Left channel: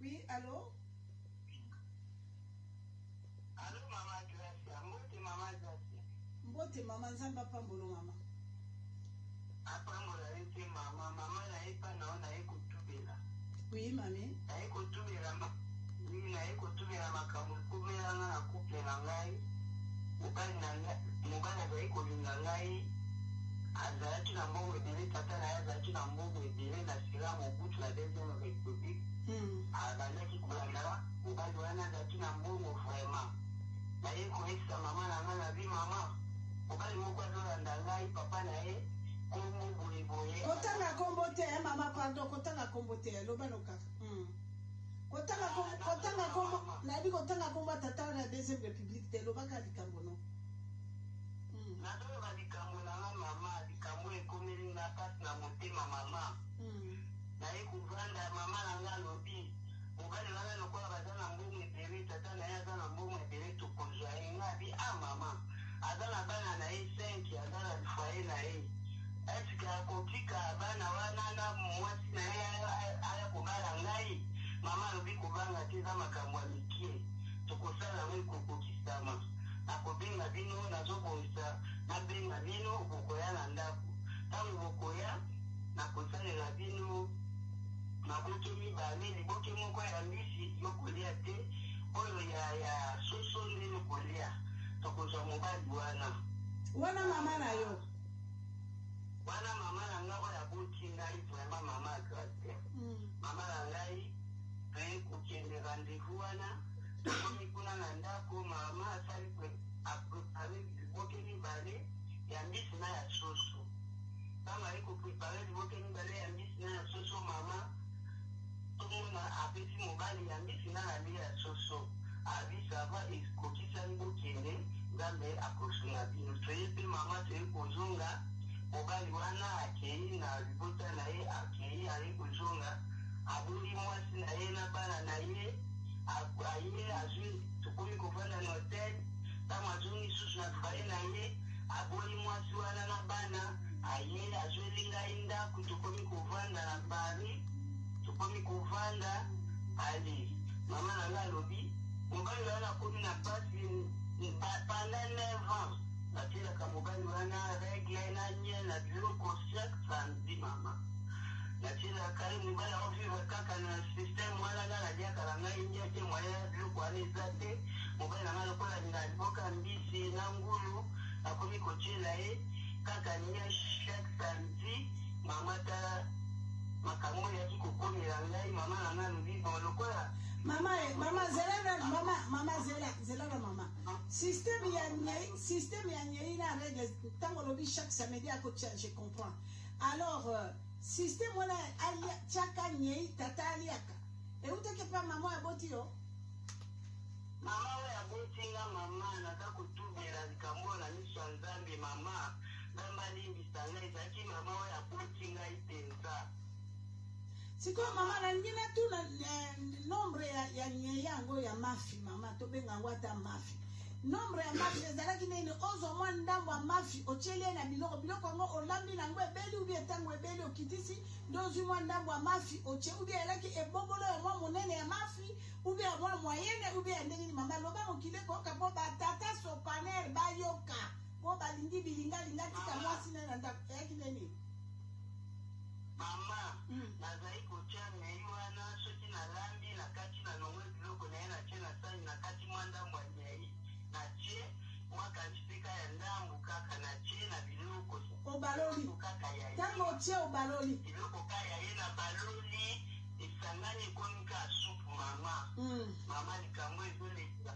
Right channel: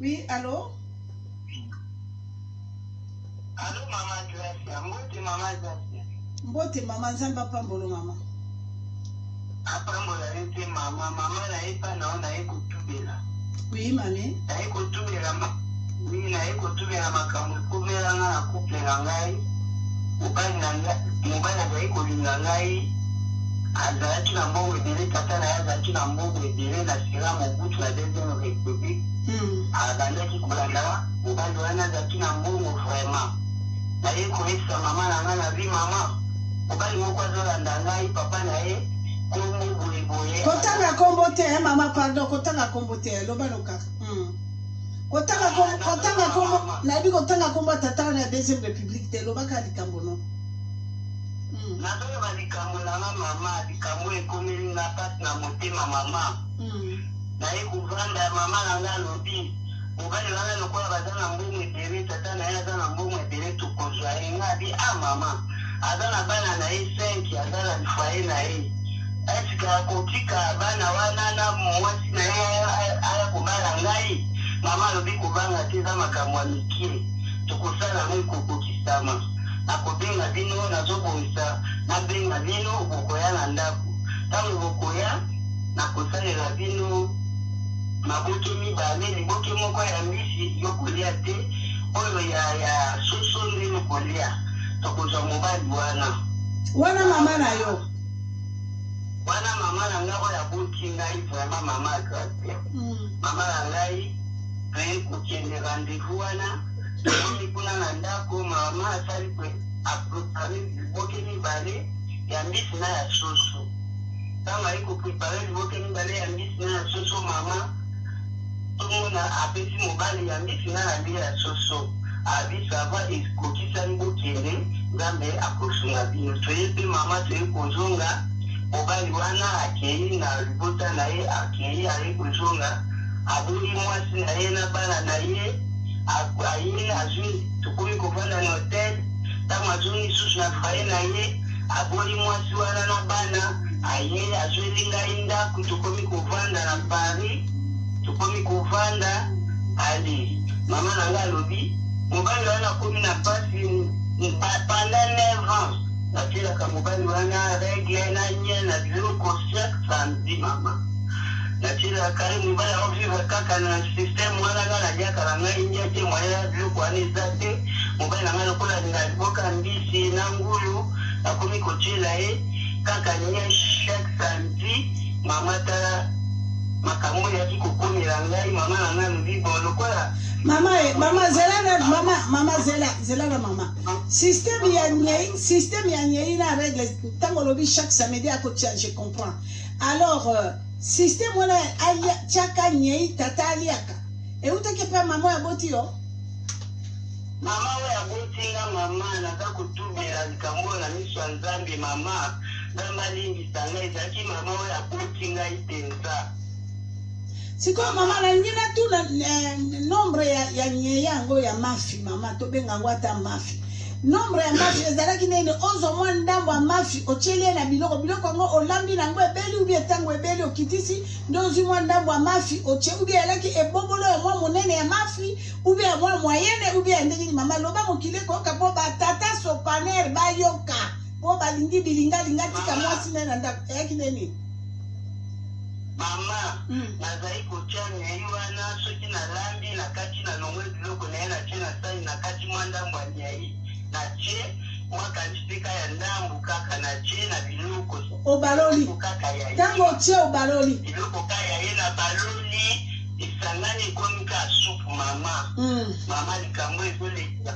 Oui, allô? Allô, maman Gracia. Mbote maman Gracia. Mbote maman Zamba Pambolo maman. Apambola ete maman. Maman na epa na ona eko tubela. Oui, mamie. Na eko tubela oui, na eko tubela makambo komela nga na couple na ngai. Mobali azali kolinga ngai. Azalaki na mbongo ebele, tata na ye azalaki na mbongo ebele na sira Mobutu na deuxième république. Abandaki kolanda mobali wana azalaki na mbongo vraiment. Na ye koyebisa mama na ngai na vi mama. Mobali moko azolanda ngai, papa na ye kombo boye. Kotanga kombo te, mama, pardon, kotanga kombo te, loba loka. Kotanga kombo, na yebi kotanga kombo tata na deuxième république te, loba ka likambo no. Nazoyeba likambo na nga mama, likambo ekomeli nga pasi na motema mama. Na ye kovanda mama na nga alobi. Mobali wana lokola baza na mbongo ebele, tata na ye aza na mbongo ebele tokozwa ye. Nga abi, mama, aza na bana na ye 5, aza na lifaye na ye. Esika akotika bana wana na mwasi na ye aya kobala ngai. Mama alobi kobanga te eza makambo ya mikie. Tokosala ngo ekokokisama. Nakobenga bino nazobongisa, nabenga bino bokoya na ndako. Ntango bokoya nakosalela bino maboke mibale, liboke moko ya mbisi yokolia te, oyo ya soso nde yokolia. Tokozwa mobali wana. Wana mama na yo? Wana mama na nga oyo aboti ngai vraiment mama Gracia. Mama na ngai pe kokende rendez-vous wana. Tokomi kuna na ndako mama asali kwe aprepare liboke mibale ya mbisi na ya soso. Ntango ali koprepare liboke mibale ya mbisi na ya soso mama tomona apesi mobali ya mbisi na ya soso. Abi sava ekokisani bokende Nzambe akosunga bino. Toye pe mama toye kozonga mobali wana akei na libota na ye akei ali kozonga. Aboli mwasi na ye na bana na ye. Aye azwi tukomi kovanda na hotel. Ntango azongi susu na faye na ye aboli mwasi wana na bana. Aye azweli ngai ndako tukomi kovanda na Paris. Tukomi kovanda ali. Mama na nga alobi mobali wana komi na pasi pendant 9 ans. Natilaka mobali wana regle na nye na biloko chaque samedi mama. Natilaka ye mobali aovivre kaka na système wana nga naliaka na ngai nye te moya biloko wana eza te. Mobali na nga lokola na liboka mbisi na ngulu nakomi kotiela ye kaka nye chaque samedi. Mama tala makambo yaki kokomela ngai mama na nga lobi bon lokola Mama zela na mama. Système ya nyei na règle tango lobi chaque samedi à côté je comprends. Alors système wala alia chaka nyei tata aliaka. Et utake pa mama ya boti yo? Mama ya boti nga mama na za kutubela likambo na miso ya Nzambe mama. Nzamba lingi sanga ezaki mama ya boti nga itenza. Siko mama na ngina tu na nombre ya nyeyango ya mafi mama to benga ngwata mafi. Nombre ya mafi ezalaki nene ozo mwa ndambo ya mafi ochele na biloko ngo olambi na ngo ebeli ubi etango ebeli okitisi ndozi mwa ndambo ya mafi oche ubi elaki ebobolo ya mwa monene ya mafi ubi ya mwa moyenne ubi ya ndenge ni mama loba mokile ko ka po batata sopaner bayoka po balingi bilinga tika mwasi na ndako yaki nene. Mama, nazali kotia nyei wana soki na lambi na kati na longwe biloko na ye na tie na sani na kati mwa ndambo ya nyei. Na tie mwaka nchipeka ya ndambu kaka na tie na biloko. Obaloli. Tango tie obaloli. Biloko kaya ye na baloli. Isangani komika supu mama. Mama likambo ezolekila.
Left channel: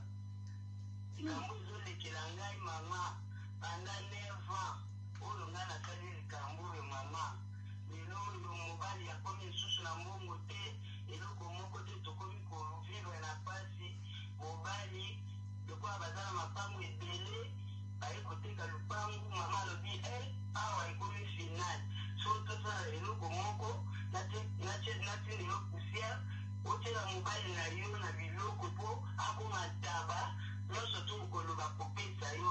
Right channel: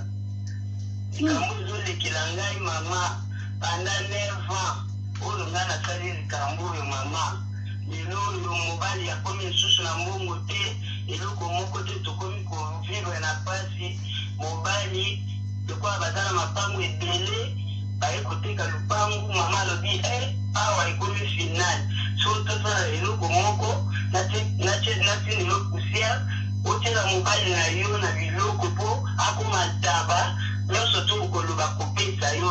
Likambo ezolekila ngai mama. Pendant 9 ans. Olo nga nasali likambo yo mama. Lelo yo mobali ya komi susu na mbongo te. Eloko moko te tokomi kovivre na pasi. Mobali yokola bazala mapango ebele. Baye koteka lupangu mama lobi awa ekomi final. So tosala eloko moko nati nilo kusia. Otela mobali na yo na biloko po akoma taba. Nyonso to koloba kopesa yo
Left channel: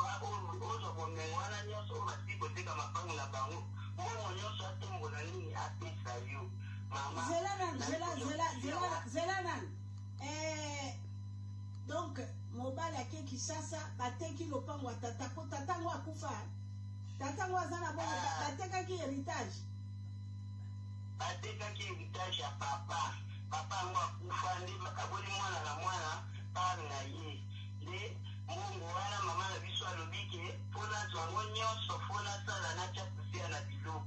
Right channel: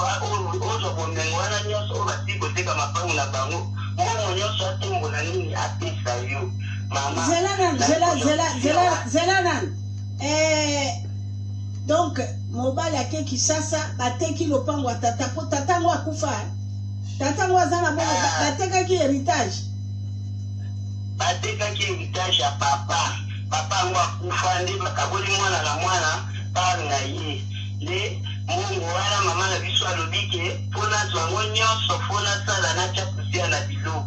ozo bomengo wana nyonso basi koteka mapango na bango. Mbongo nyonso atombola nini apesa yo mama. zela nan. Donc mobali ake Kisasa bateki lopango tata po tata ngo akufa. Tata ngo azana bongo batekaki héritage. Batekaki héritage ya papa. Papa ngo akufa ndi bakaboli mwana na mwana panga ye. Le mungu wana mama na biso alobike pona zwango nyonso pona sala na chakusia na biloko.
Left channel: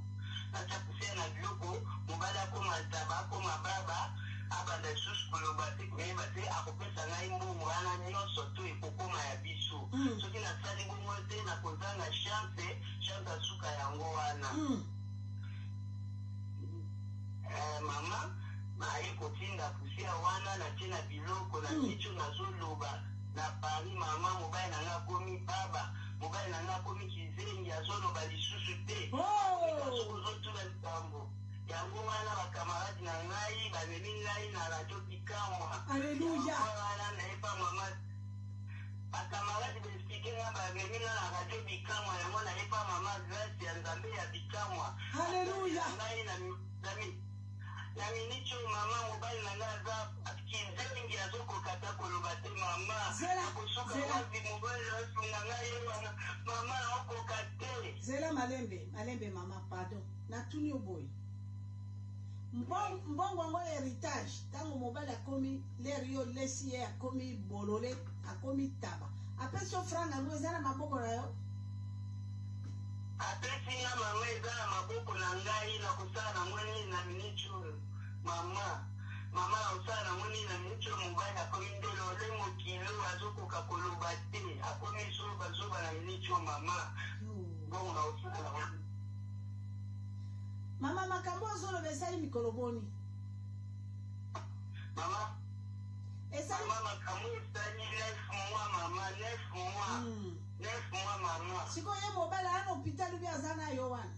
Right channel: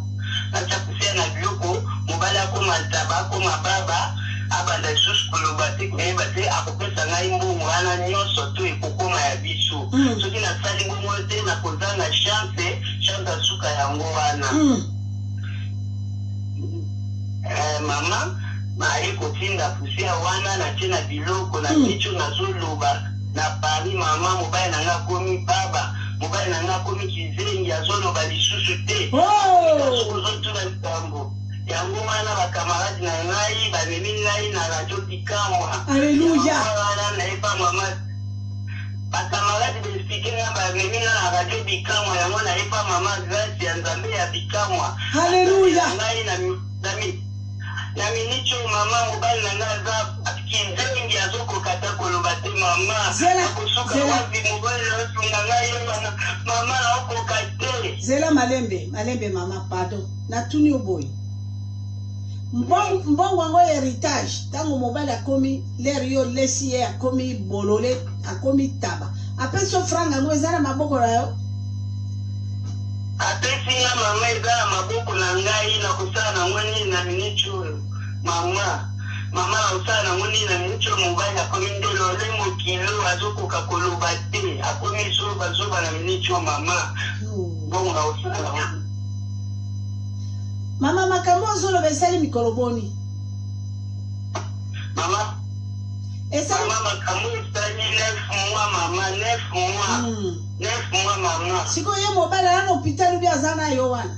Na chakusia na biloko mobali akoma taba akoma baba abanda susu kolobate kuyeba te akopesa ngai mbongo wana nyonso to ekokoma ya biso. Soki nasali mbongo te nakozanga chance asuka yango wana. Mama maye kotinda pusia wana na tena biloko na kicho nazoloba na Paris mama mobali nanga komi baba mobali nanga komi kizengi azoloba lisusu te. Kozotuna likambo yango wana bakamaradi na ngai bamemi ngai na radio Bikamwa. Alleluia. Wana nayepa mama bakamaradi besike nga bamemi na radio Bikamwa yango nayepa mama grâce ya Nzambe ya Bikamwa. Alleluia. Ngai na minicho mama mobali na nga za kizengi azokokata koloba te mama akosuka wapi mobali asunga ngai mama okokate. Zela malembe mama pardon natuni oboy. Mbongo wango héritage tango mobali akomi l'air yo lesi ye akomi bolole akomi taba apeso franga ngo ezana maboko na yo. Apesi nga mama ezana maboko na ngai na kosala na ngoni na minicho mama na kosala na ngoni na minicho mobali akomi ndelo le mokilo azokoka koloba te akomi zoba na minicho mama. Bongo na kosala mama makambo ozoloba esali mikolo boni. Mama makambo esali 9 mois mama 9 mois mama. Siko ye mobali na hôpital ubi azana yo wana.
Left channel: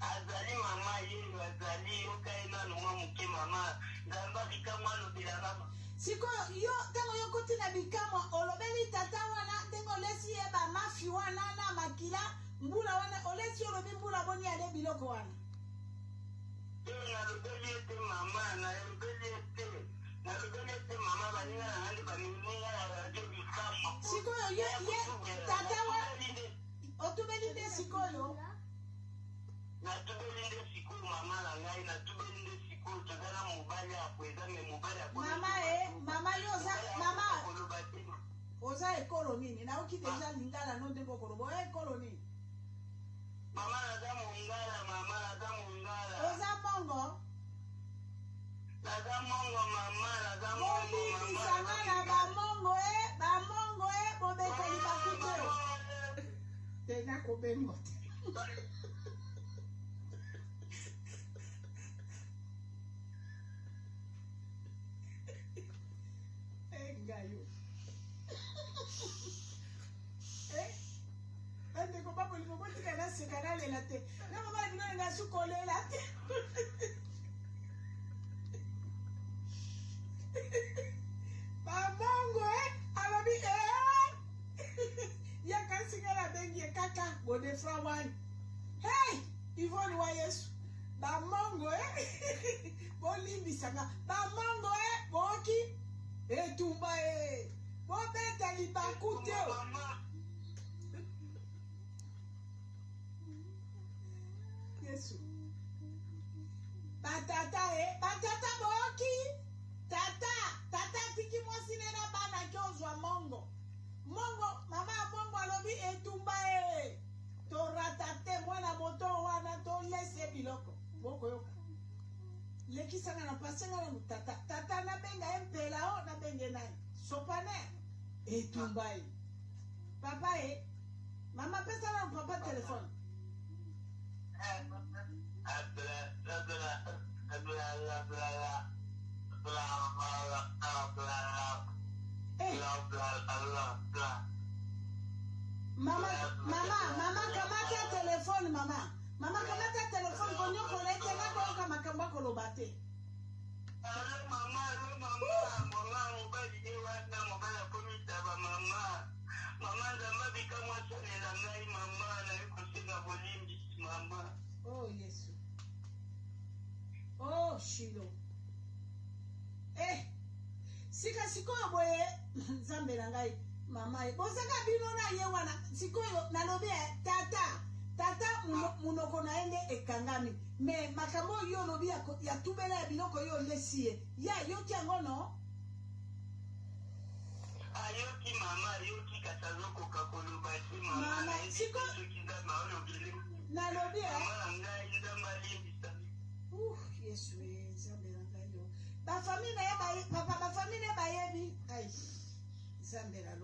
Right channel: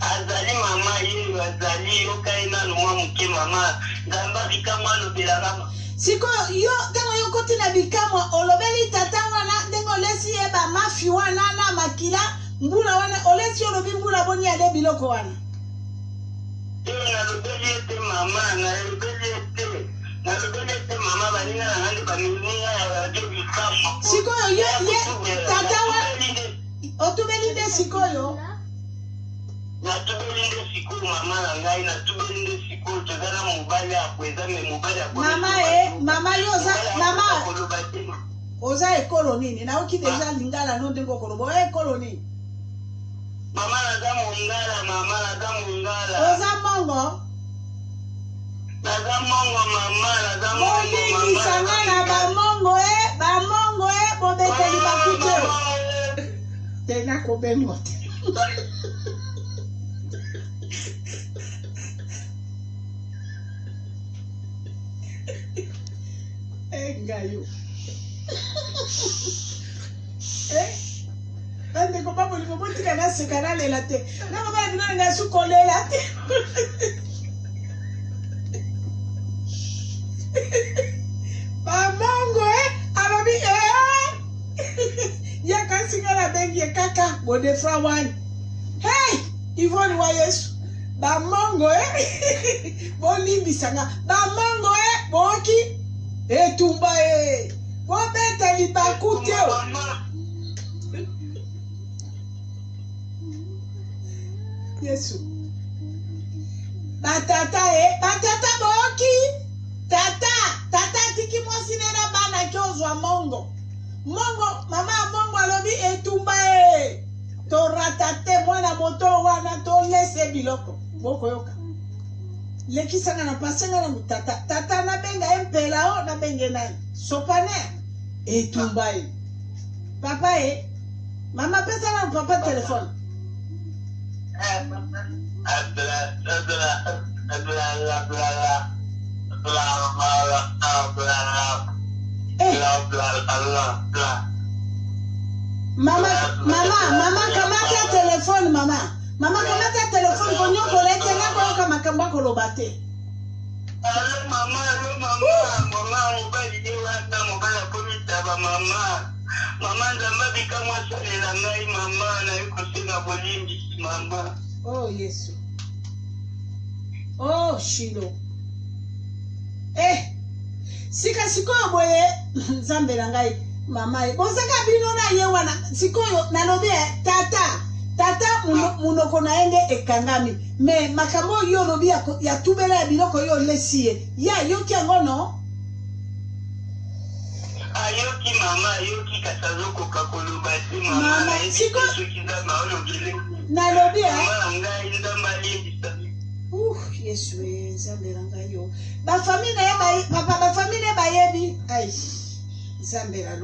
Azali mama ye azali yo kaina no mwa muke mama ngamba Bikamwa lobela mama. Siko yo tango yo koti na Bikamwa olobeli tata wana ndengo lesi ye ba mafi wana na makila mbula wana olesi olobi mbula boni ade biloko wana. Na lobeli ete mama na lobeli ete mama banina na ngandi bamininga ya radio Bikamwa. Siko ye tata wana otubeli nde sikoyo. Natubeli nde sikoyo mama na ngai natubeli nde sikoyo tozana mobali akweza me mobali akweza. Mama yo oza ekolo nini na oki deja lingala no ndengo kolobo ekolo nini. Mama naza mongala. Oza mongo. Naza mongo mama. Boni sanga na ba mongo bobeteli bakute. Tena kobengo te. Ngayo. Ande ko babo ni bobo tika na sekana lela te. Na mama bino nga su kolela te. Bamongo ababi ya kasinga la bengi kaka bode fra one. Hey, Yvonne wa Yesu. Bamongo bolimbi sanga. Bamongo boki etumba bobeta libakute. Yesu. Batata boki. Tata tiki mwasine na bana kyozwa mongo. Mama mongo alobi etumba to ratate mwana moto wana to lese biloko. Boko yoka. Leki sanga na pasenga na tata na benga empela o na benge nani. Sopane etumba Papa mama pesa na papa telefone. Mama kamata telefone mama kamata telefone konyo kolete na kwa kama kamba kolobate. Mama mobali dewa ta mobali komita ba mama Nzambe Bikamwa salela ngai mama na yuko sina bolimbi mama. Oh Yesu. Oh Shilo. Sika sikoyo boye Nzambe na ngai mama. Bozaka bino na ye wana sikoyo nalobi tata munoko na ende ekangami. Me makambo yo lobi ya tubela ya biloko yo lesie. Ya yoki ngono. Ayoki mama yoki kasazoko kakolobati mama na siko kiza maolo bile. Nalobi mama ngai ndamali Yesu Nzambe na ngai yo. Ba famille ya ba papa ba famille ba yebi. Ai. Nzambe la lo.